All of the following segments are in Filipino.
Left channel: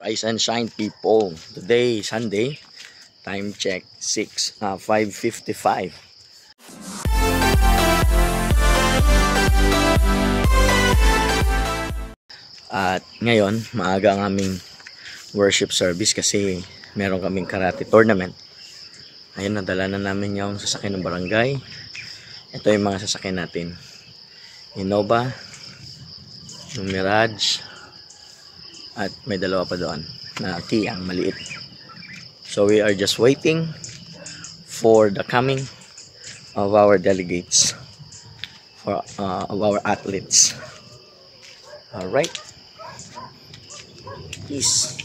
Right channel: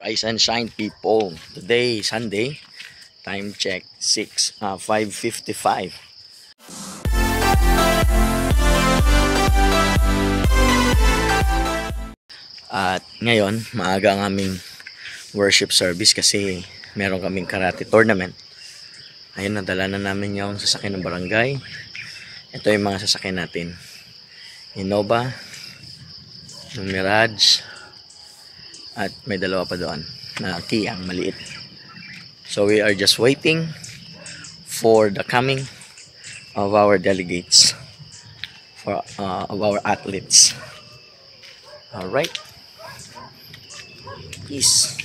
Rise and shine, people. Today, Sunday. Time check 5:55. At ngayon, maaga ang aming worship service kasi meron kaming karate tournament. Ayun, nadala na namin yung sasakyan ng barangay. Ito yung mga sasakyan natin. Innova, yung Mirage, at may dalawa pa doon na Kia, ang maliit. So we are just waiting for the coming of our delegates, of our athletes. Alright. Peace.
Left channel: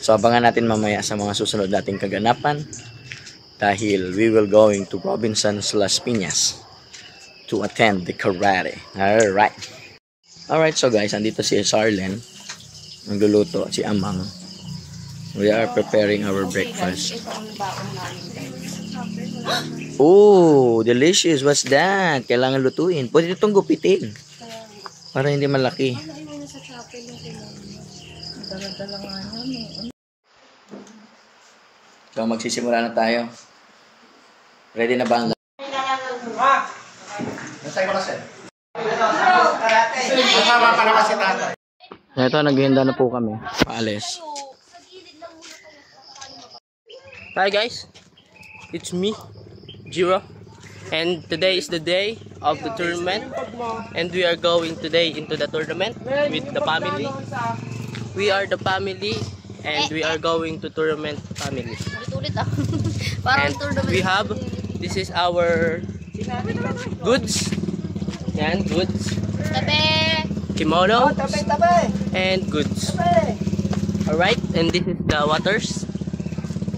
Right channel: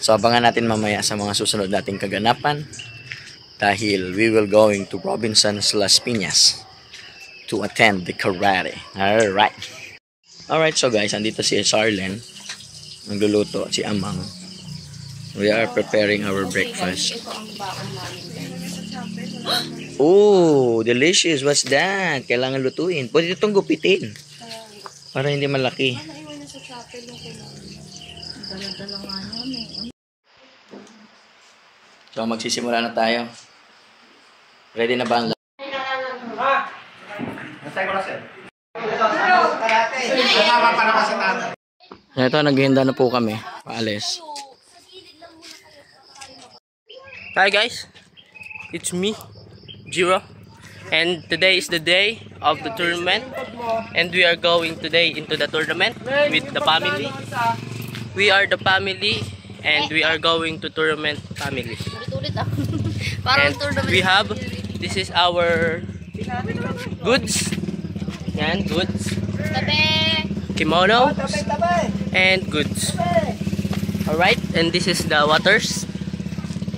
So abangan natin mamaya sa mga susunod nating kaganapan dahil we will going to Robinson's Las Piñas to attend the karate. Alright, so guys, andito si Sarlen. Nagluluto si Amang. We are preparing our breakfast. Oh, delicious. What's that? Kailangan lutuin. Pwede itong gupitin para hindi malaki. So magsisimula na tayo. Ready na ba ang ito, naghihanda na po kami. Paalis. Hi guys, it's me, Jiro, and today is the day of the tournament, and we are going today into the tournament with the family. We are the family, and we are going to tournament family. And we have, this is our goods, yan, goods, kimono, and goods. Alright, and this is the waters.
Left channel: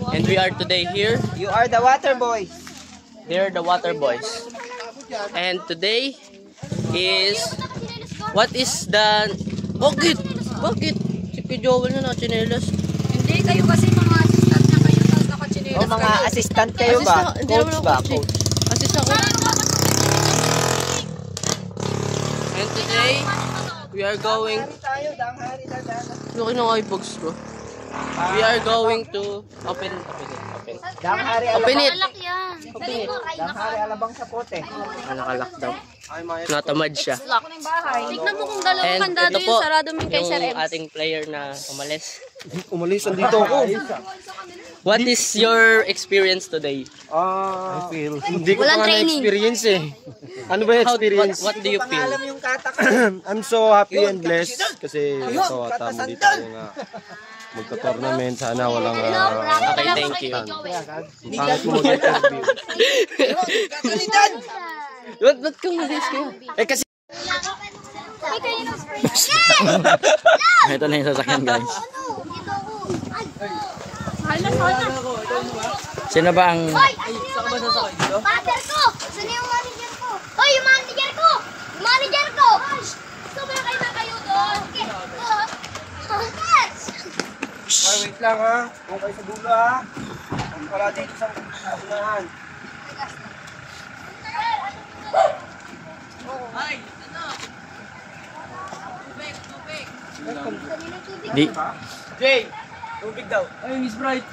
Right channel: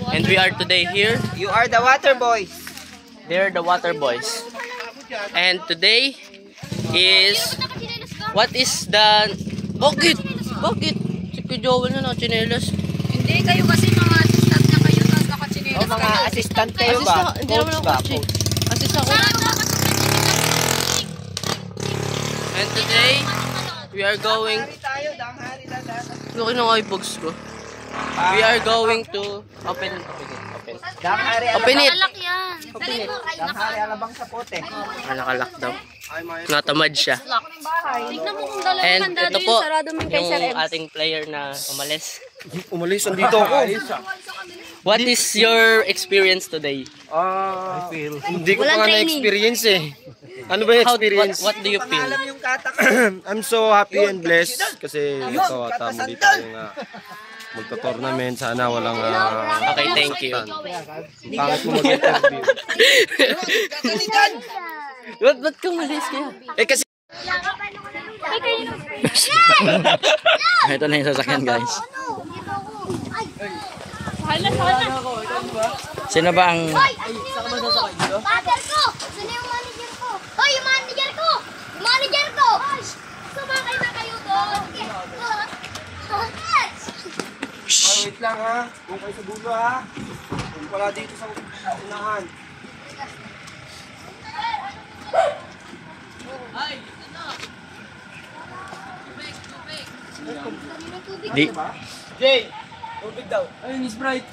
And we are today here. You are the water boys. They're the water boys. And today is, what is the, bakit? Si Joel na chinelas. Hindi, kayo kasi mga assistant na kayo na nakachinelas. O mga assistant kayo ba? Hindi naman ako assistant ko. And today, we are going, laki ng eyebags ko. We are going to open it. Open it. Danghari alabang sa pote. Nakalak daw. Natamad siya. Tignan mo kung dalawang And kandado ito po, yung sarado mo kay Sir yung ating player na umalis. Umalis, andito ako. What is your experience today? Hindi ko pa nga na-experience eh. Ano ba yung experience? What do you feel? I'm so happy and blessed kasi ito, muli tayo nga magka-tournament. Sana walang Okay, thank you. pangit mo mag-interview. Ba't kang malis kaya? Eh kasi ito na yung sasakyan, guys. Sino ba ang Manager ko! Sino yung manager ko? Hoy, yung manager ko! Manager ko! Sumakay na kayo doon! Wait lang ha. Huwag kayo sa dulo ha. Huwag pala dito sa unahan. di Jay! Tubig daw. Ayun, Sprite.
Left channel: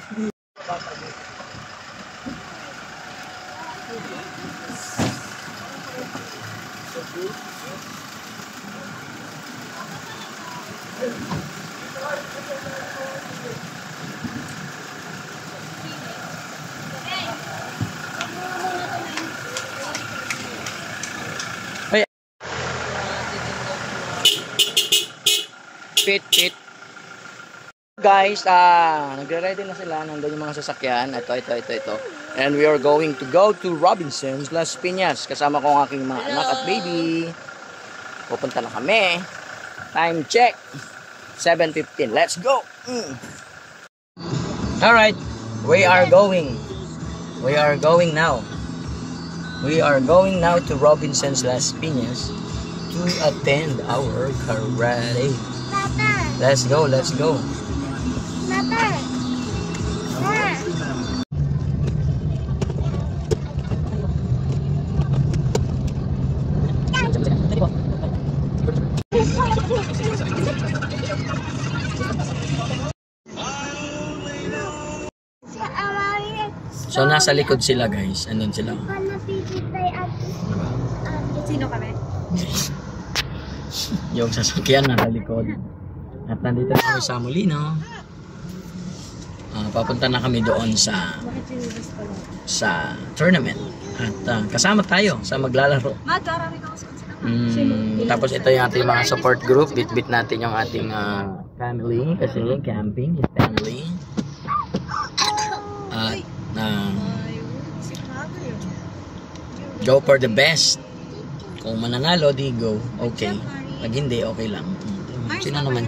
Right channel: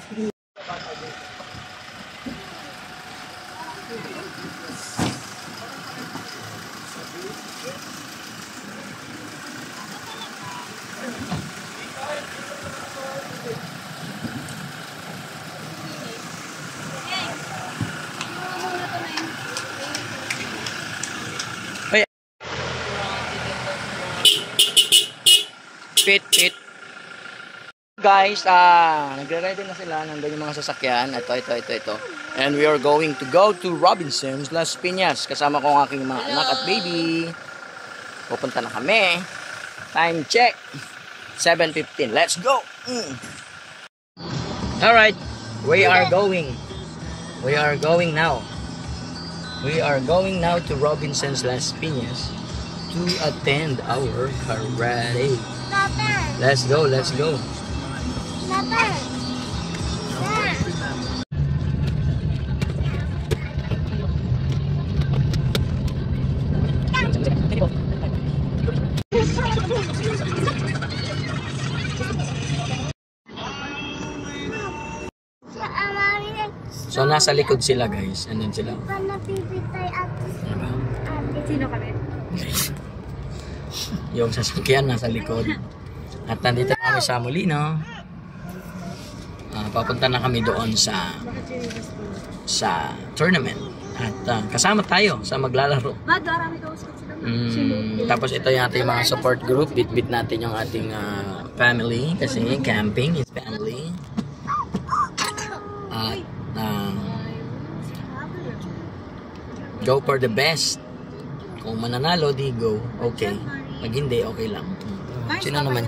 Pit. Guys, nagre-ready na sila. Nandun yung mga sasakyan. Ito. And we are going to go to Robinson's Las Piñas. Kasama ko ang aking mga anak at baby. Pupunta na kami. Time check 7:15. Let's go. Alright, we are going now. We are going now to Robinson's Las Piñas to attend our karate. Let's go. So, nasa likod sila, guys. Andun sila. Ano ba? Sino kami? Yung sasakyan nasa likod. At nandito na kami sa Molino. Papunta na kami doon sa tournament. At kasama tayo sa maglalaro. Tapos ito yung ating mga support group. Bit-bit natin yung ating family. Kasi camping is family. At go for the best. Kung mananalo, di go. Okay. Pag hindi, okay lang. Sino naman?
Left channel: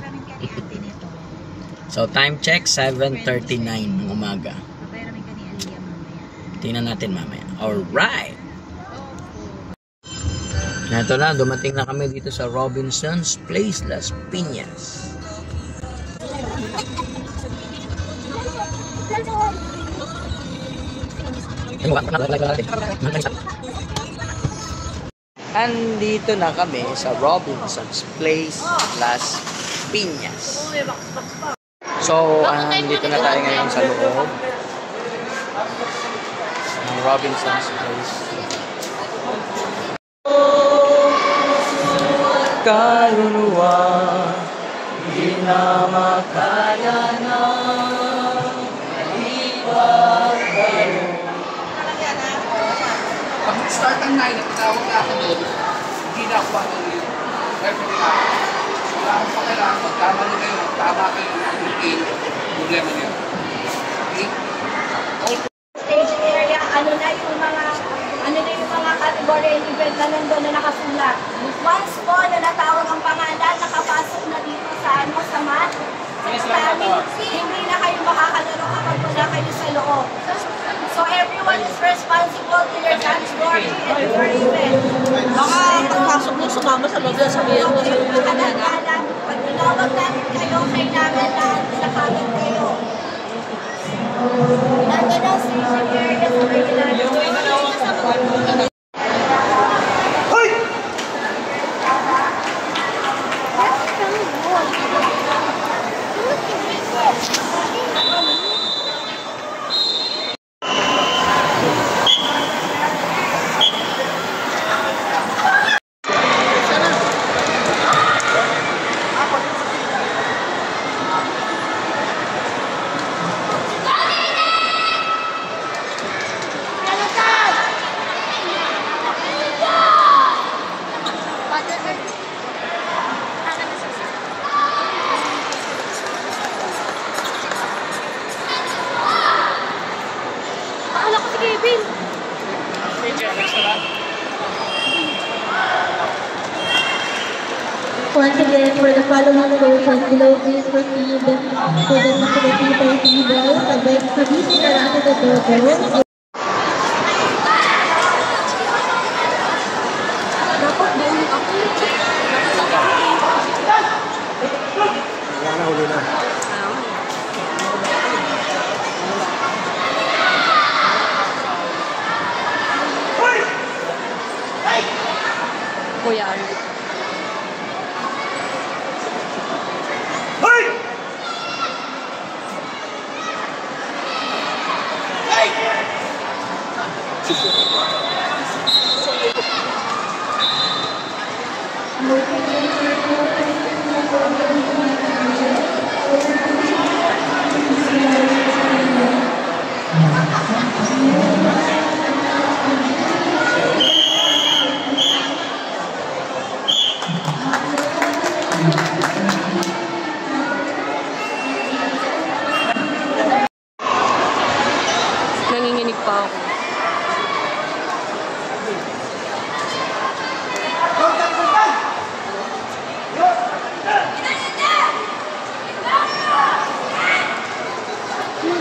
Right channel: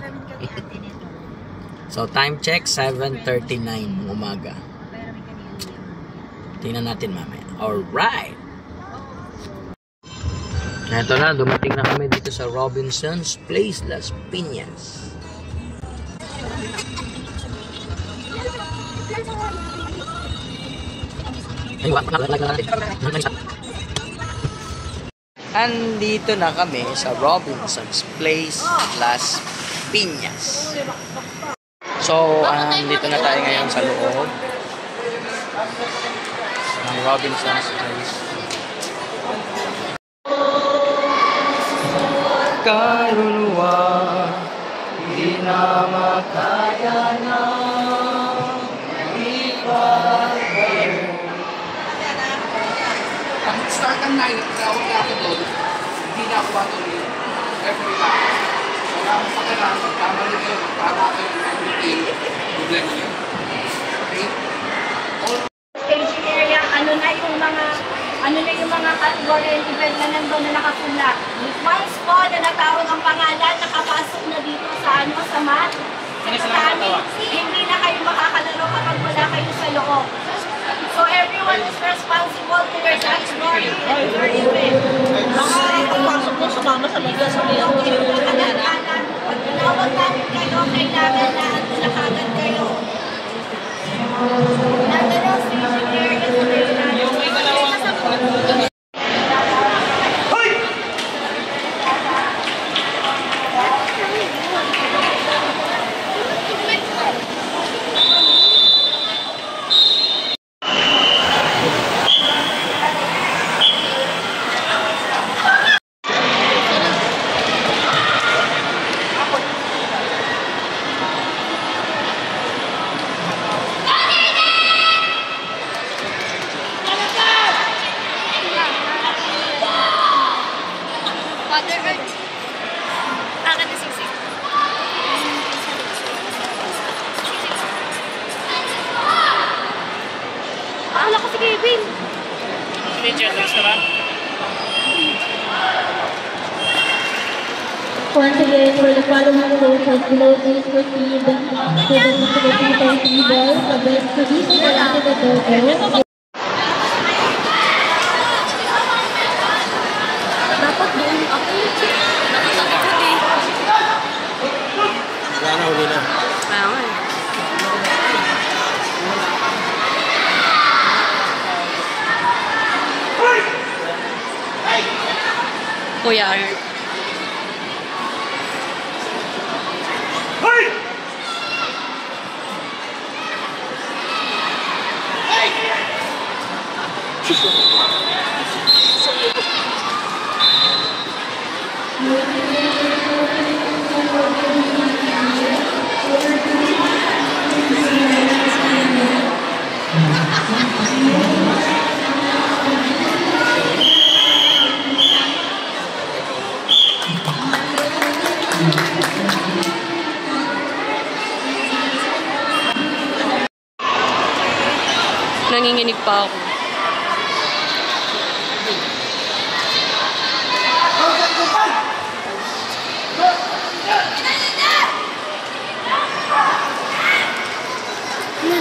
So, time check, 7:39 ng umaga. Tingnan natin mamaya. Alright! Ito na, dumating na kami dito sa Robinson's Place, Las Piñas. Andito na kami sa Robinson's Place, Las Piñas. So, andito na tayo ngayon sa loob ng Robinson's Place. Kaluluwa, di na makaya na Pag start ng 9, tawag na ako doon. Hindi na ako matuloy. Every night. Wala akong pakilang. Pag tama nyo kayo, tama kayo ng routine. Problema nyo. Okay? Staging area, ano na yung mga category and event na nandun na nakasulat. Once po na natawag ang pangalan, nakapasok na dito sa mat. Kami, hindi na kayo makakalaro kapag wala kayo sa loob. So everyone is responsible to their category and their event. Pumasok mo sa mama sa loob sa mga Pag tinawag namin kayo, kailangan lahat na kagad kayo. Nandun ang staging area sa kayo. Once again, for the following coaches below, please proceed to the facility for tables, producing the rocket of Dogo. Dapat doon ako. Wala na, huli na. Kaya nga eh. Kuya Art. Nanginginig pa ako.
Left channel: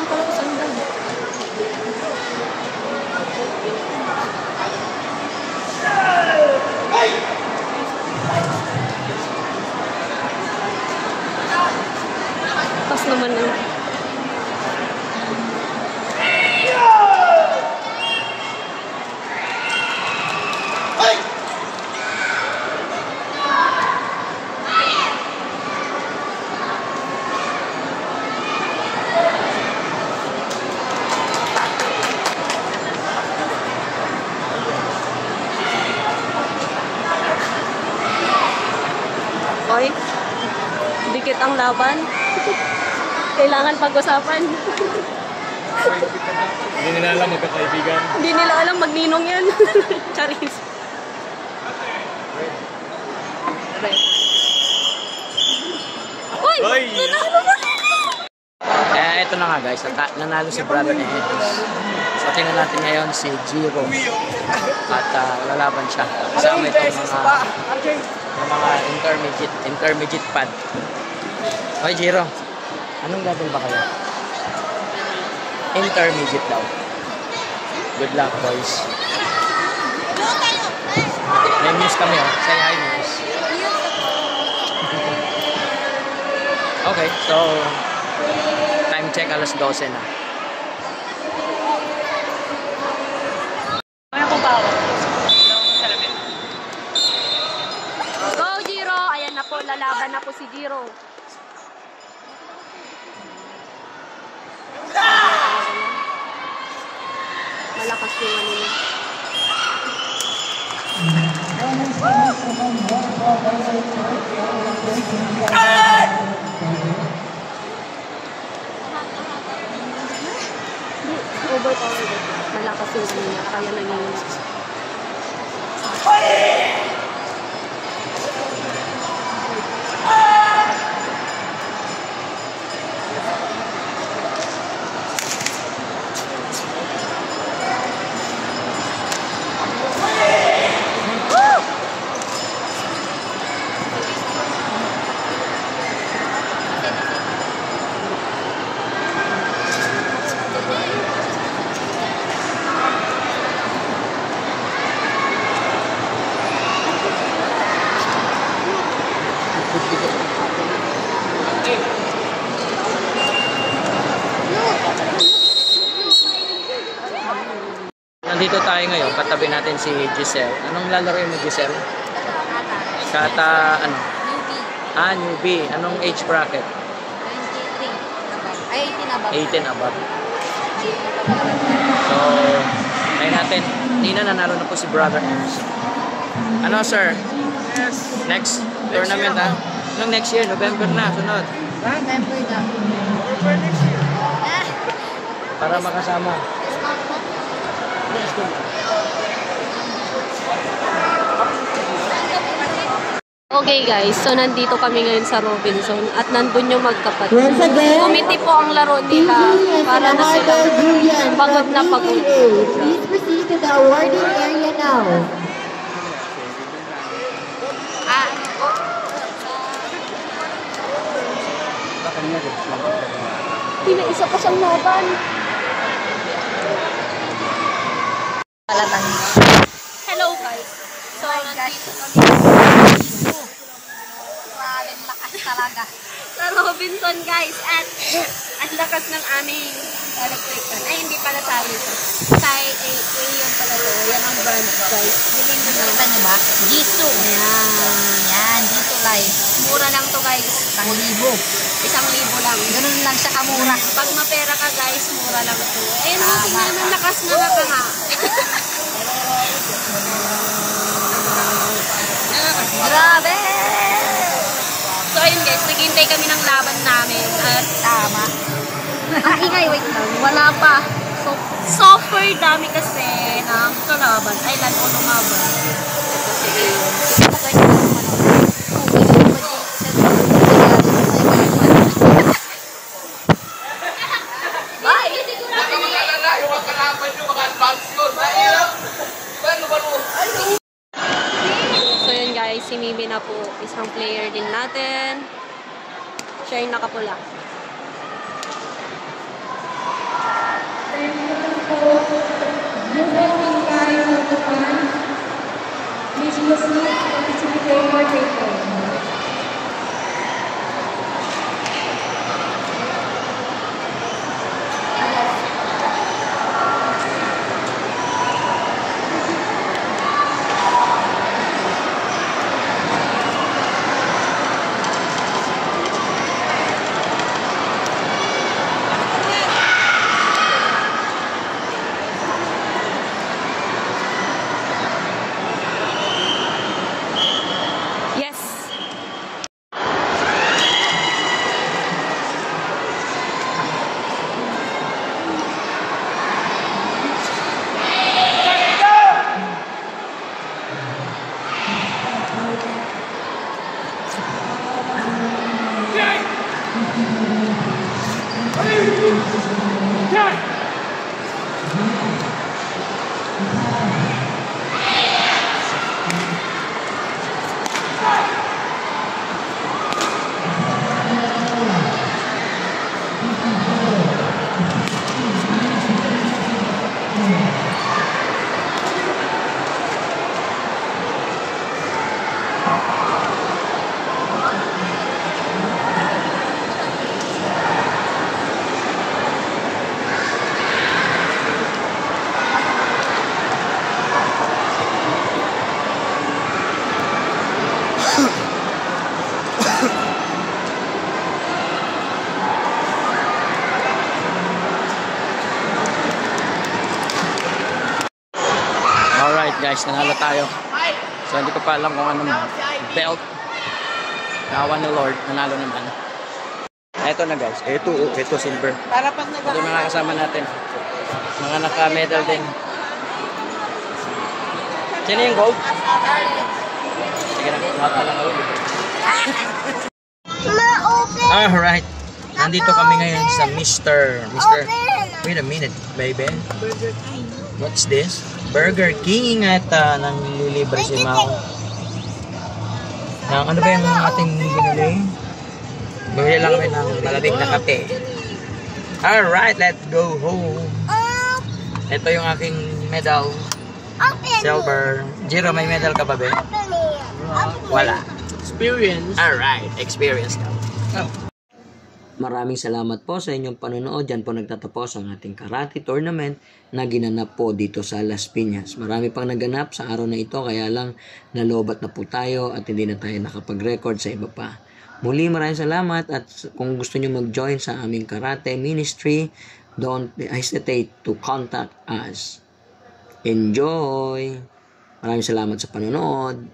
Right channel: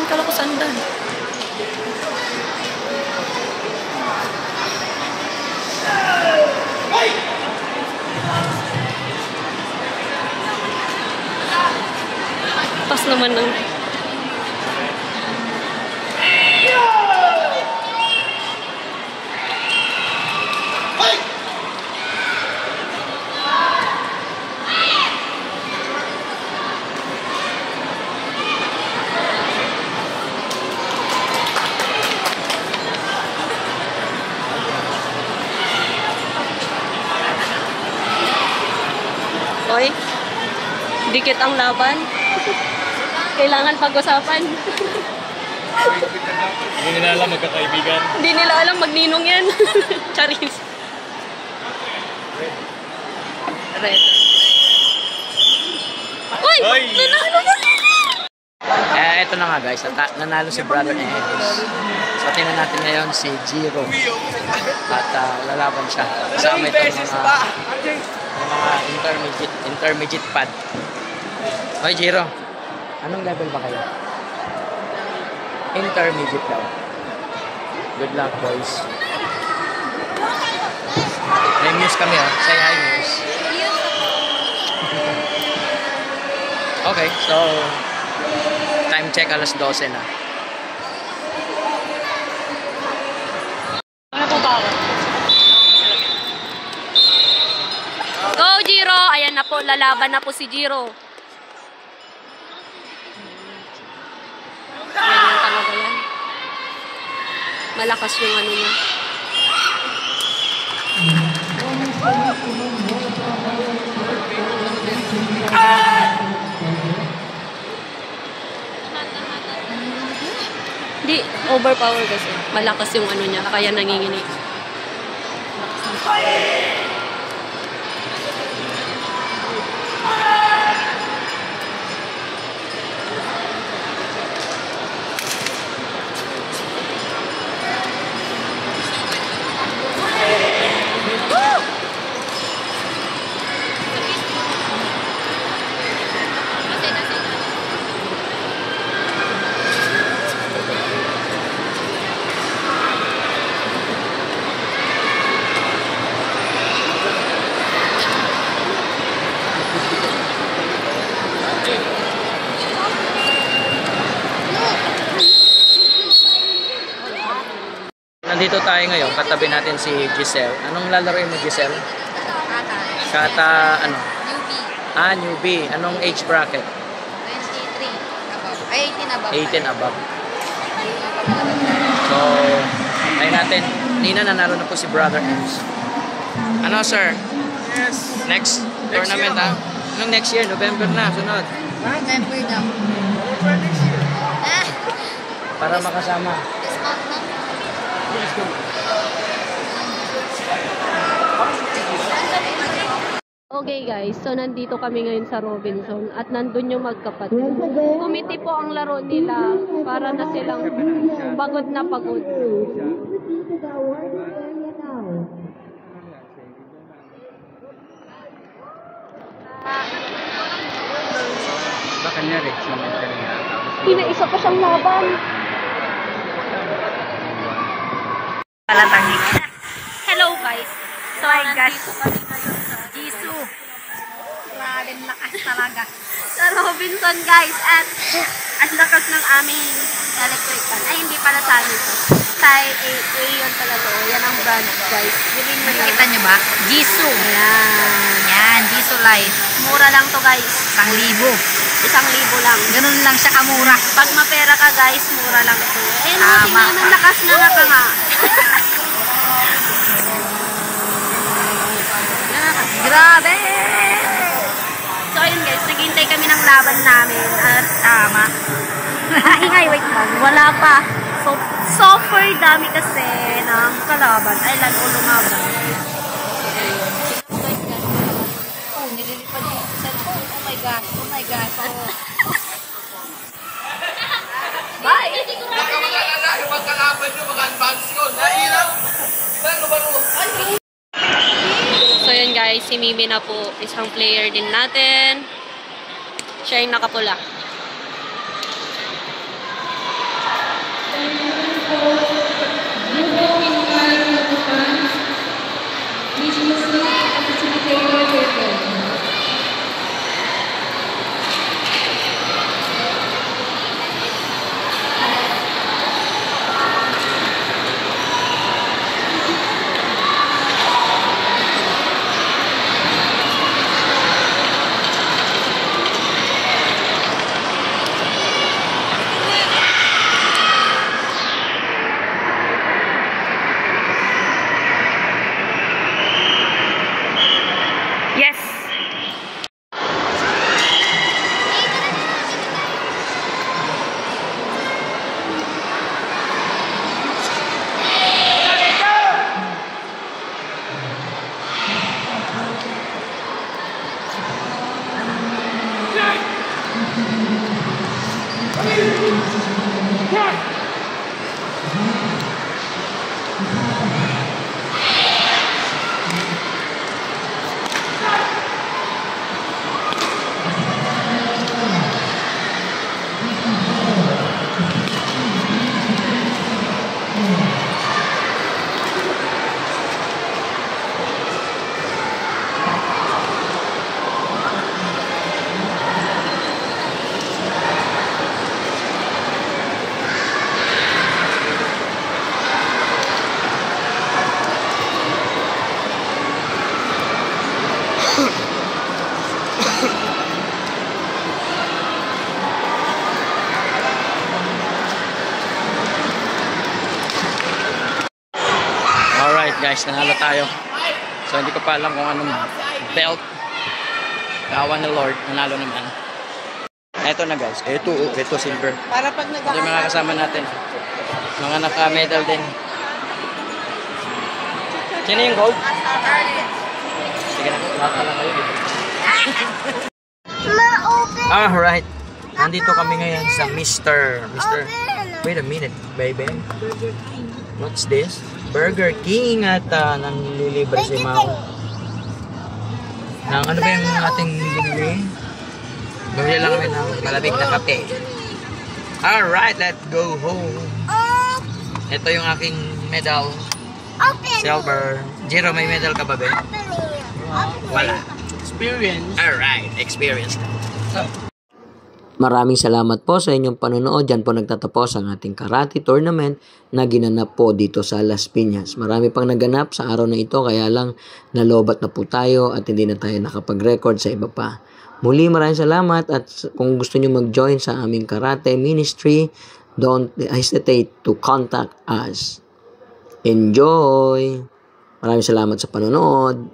Kala ko sandan. Tas naman ng Madikit ang laban. Kailangan pag-usapan. Hindi nila alam magkakaibigan. Hindi nila alam magninong yan. Charis. Red. Uy! Nanalo na! Eto na nga guys, nanalo si Brother Enes. So tingnan natin ngayon si Jiro. At lalaban siya. Kasama itong mga intermediate pad. Okay Jiro, anong level ba kayo? Intermediate daw. Good luck boys. May news kami oh. Say hi news. Okay, so time check alas 12 na. Ano po ba? Go Jiro! Ayan na po, lalaban na po si Jiro. Malakas yung ano niya. Hindi, overpower kasi. Malakas yung ano niya, kaya nanginginig. Nandito tayo ngayon, katabi natin si Giselle. Anong lalaroin mo Giselle? Kata. Kata ano? Newbie. Newbie. Anong age bracket? 23 above. Ay, 18 above. 18 above. So, tayo natin. Nina, nanalo na po si Brother Enes. Ano sir? Yes. Next tournament ha? Anong next year? November na, sunod. November daw. November next year. Ah! Para makasama. Discount ba? Let's go. Okay guys, so nandito kami ngayon sa Robinson at nandun yung magkapatid. Once again, Committee po ang laro nila para na sila pagod na pagod. Please proceed to the awarding area now. Pinaisa pa siyang laban. Palatangik. Hello guys. So, My gosh. Isu. Grabe lakas talaga. sa Robinson guys at ang lakas ng aming electrical. Ay, hindi pala sali to. Thai A yun pala to. Yan ang brand guys. Nakikita niyo ba? Jisoo. Ayan. Yan, Jisoo Life. Mura lang to guys. 1,000. 1,000 lang. Ganun lang siya kamura. Pag mapera ka guys, mura lang to. Ayun, Tama. tingnan ang lakas na naka nga. Grabe! So ayun guys, naghihintay kami ng laban namin at Tama. ingay, wait lang, wala pa. So, super dami kasi ng kalaban. Ay, lalo lumaban. Bye! Baka mag-alala yung mga kalaban nyo, mga advance yun. Nahirap. So yun guys, si Mimi na po, isang player din natin. Siya yung nakapula. Yes! Alright guys, nanalo tayo. So hindi ko pa alam kung anong belt. Kawan ni Lord, nanalo naman. Eto na guys, ito silver. Ito yung mga kasama natin. Mga naka-medal din. Sino yung gold? Sige na, lahat na lang kayo. Alright, nandito kami ngayon sa Mr. Wait a minute, baby. What's this? Burger King at nanglilibre si Mau. Ano ba yung ating binili? Bumili lang kami ng malamig na kape. Alright, let's go home. Ito yung aking medal. Silver. Jiro, may medal ka ba, be? Wala. Experience. Alright, experience daw. Maraming salamat po sa inyong panonood. Yan po nagtatapos ang ating karate tournament na ginanap po dito sa Las Piñas. Marami pang naganap sa araw na ito, kaya lang nalobat na po tayo at hindi na tayo nakapag-record sa iba pa. Muli maraming salamat, at kung gusto nyo mag-join sa aming karate ministry, don't hesitate to contact us. Enjoy! Maraming salamat sa panonood.